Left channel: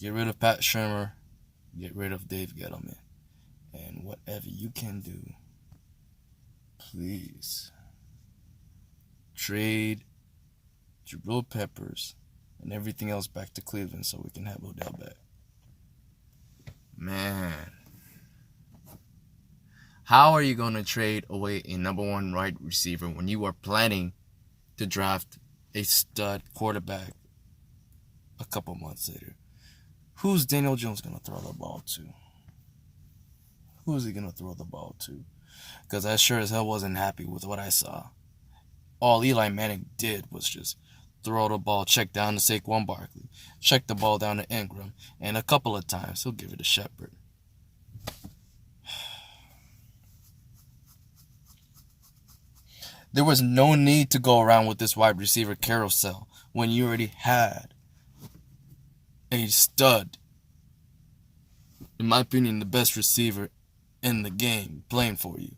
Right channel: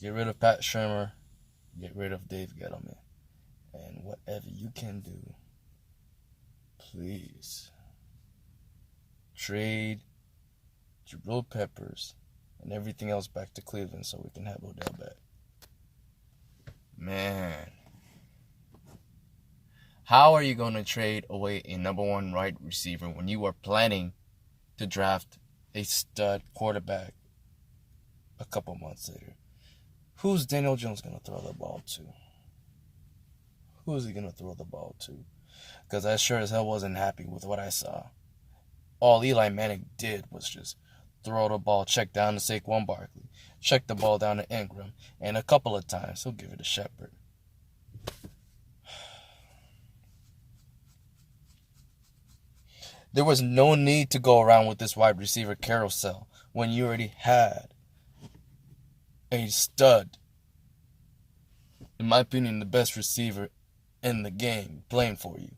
Get rid of Pat Shermer. Get rid of Dave Gettleman. And whatever you can do, please trade Jabril Peppers and everything else back to Cleveland so we can have Odell back. Man. How are you going to trade away a number one wide receiver when you are planning to draft a stud quarterback a couple months later? Who's Daniel Jones going to throw the ball to? Who is he going to throw the ball to? Because I sure as hell wasn't happy with what I saw. All Eli Manning did was just throw the ball, check down to Saquon Barkley, check the ball down to Ingram, and a couple of times he'll give it to Shepard. There was no need to go around with this wide receiver carousel when you already had a stud, in my opinion, the best receiver in the game playing for you.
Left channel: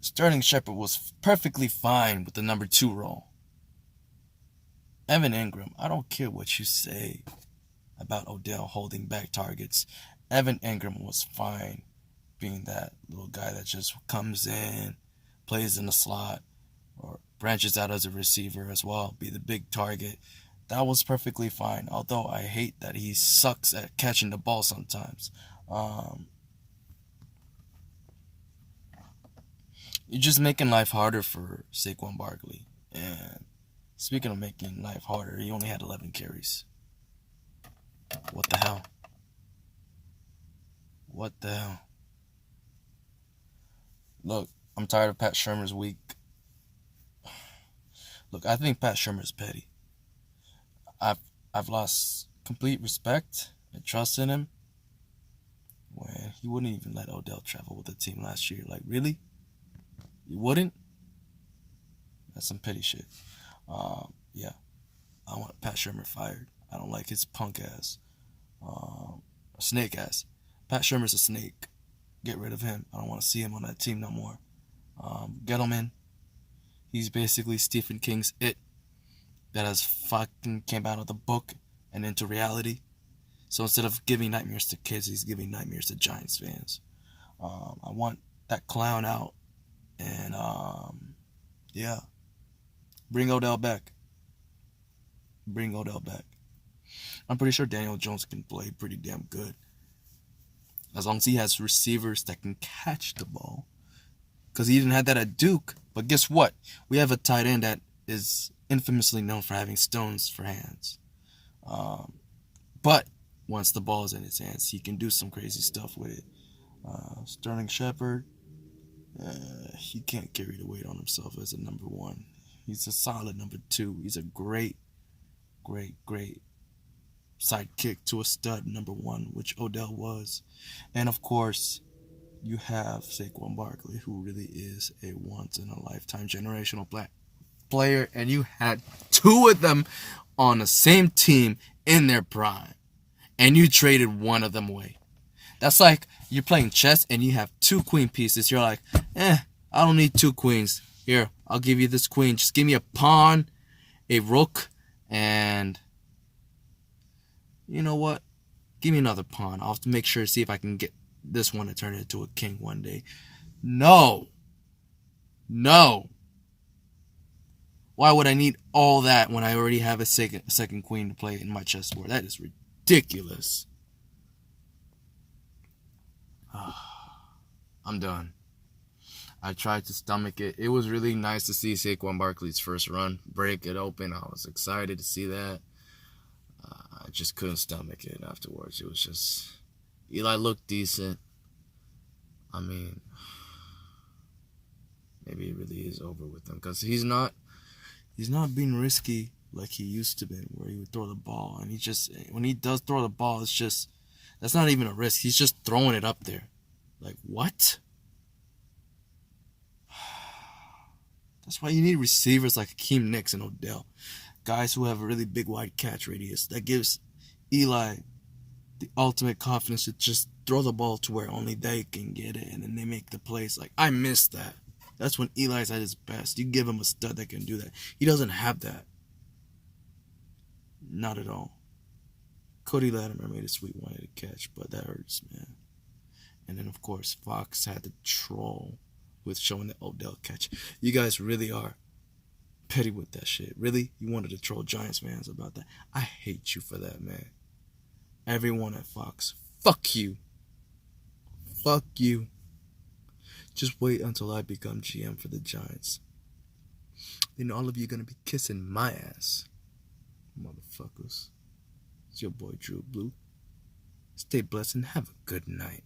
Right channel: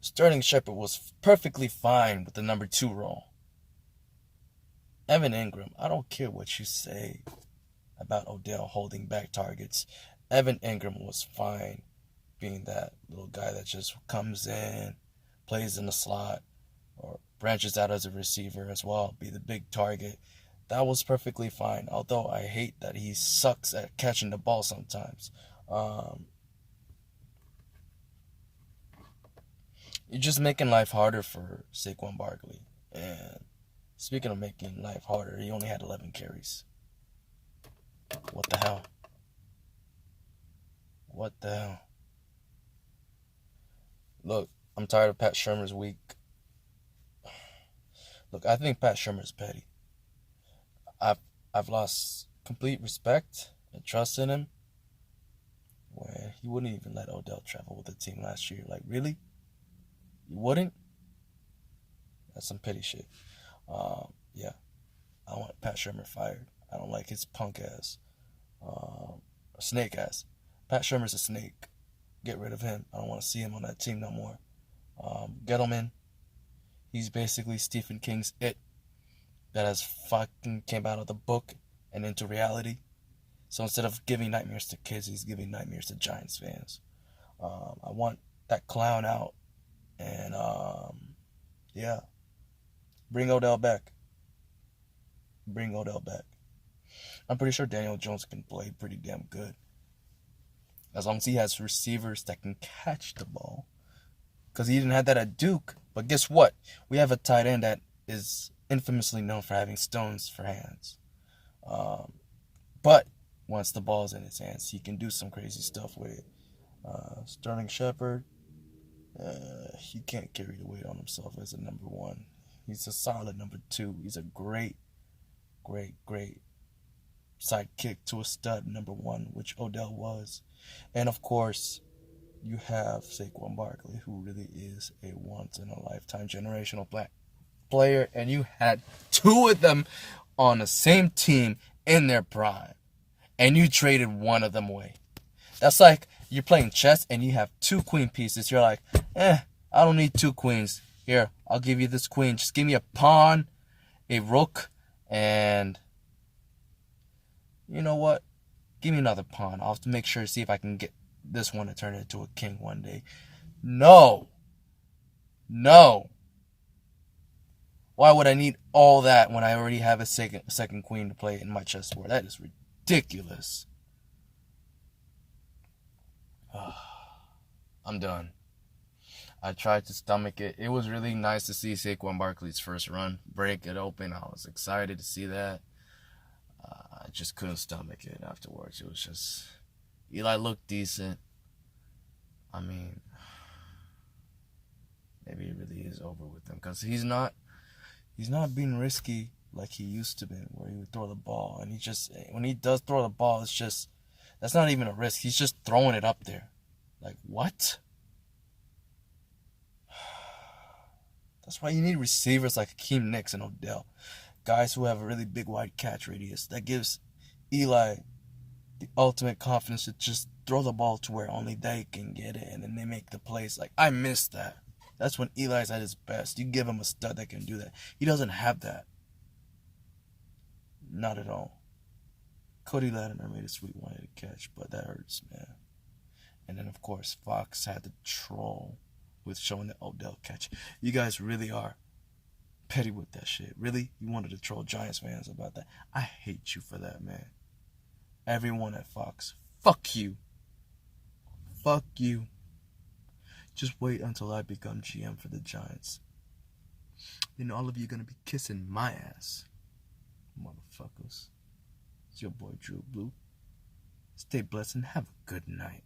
Sterling Shepard was perfectly fine with the number 2 role. Evan Ingram, I don't care what you say about Odell holding back targets. Evan Ingram was fine being that little guy that just comes in, plays in the slot, or branches out as a receiver as well, be the big target. That was perfectly fine, although I hate that he sucks at catching the ball sometimes. You're just making life harder for Saquon Barkley. And speaking of making life harder, he only had 11 carries. What the hell? What the hell? Look, I'm tired of Pat Shermer's week. Look, I think Pat Shermer's petty. I've lost complete respect and trust in him when he wouldn't even let Odell travel with the team last year. Like, really? You wouldn't? That's some petty shit. Yeah. I want Pat Shermer fired. I don't like his punk ass. Snake ass. Pat Shermer's a snake. Get rid of him. I don't want to see him on that team no more. Gettleman. He's basically Stephen King's It that has fucking came out of the book and into reality. So instead of giving nightmares to kids, he's giving nightmares to Giants fans. I want that clown out. And, yeah. Bring Odell back. Bring Odell back. I'm pretty sure Daniel Jones can play pretty damn good. As long as he has receivers that can catch the ball. Because he didn't have that at Duke. But guess what? We have a tight end that is infamously known for having stones for hands. But once the ball is in his hands, he can do some crazy stuff with it. Sterling Shepard, he can't carry the weight on himself as a number 1. He's a solid number 2. He's a great sidekick to a stud number 1, which Odell was. And of course, you have Saquon Barkley, who really is a once-in-a-lifetime generational player, and you had 2 of them on the same team in their prime, and you traded one of them away. That's like you're playing chess and you have 2 queen pieces. You're like, I don't need 2 queens. Here, I'll give you this queen. Just give me a pawn, a rook, and you know what? Give me another pawn. I'll have to make sure to see if I can get this one to turn into a king one day. No. Why would I need all that when I already have a second queen to play in my chessboard? That is ridiculous. I'm done. I tried to stomach it. It was really nice to see Saquon Barkley's first run break it open. I was excited to see that. I just couldn't stomach it afterwards. It was just... Eli looked decent. I mean, maybe it really is over with him because he's not being risky like he used to be, where he would throw the ball and when he does throw the ball, it's just, that's not even a risk. He's just throwing it up there. Like, what? That's why you need receivers like Hakeem Nicks and Odell, guys who have a really big wide catch radius that gives Eli the ultimate confidence to just throw the ball to where only they can get it, and then they make the plays. Like, I miss that. That's when Eli's at his best. You give him a stud that can do that. He doesn't have that. Not at all. Cody Latimer made a sweet one-handed catch, but that hurts, man. And then, of course, Fox had to troll with showing the Odell catch. You guys really are petty with that shit. Really? You wanted to troll Giants fans about that? I hate you for that, man. Everyone at Fox, fuck you. Fuck you. Just wait until I become GM for the Giants. Then all of you are going to be kissing my ass. Motherfuckers. It's your boy Drew Blue. Stay blessed and have a good night.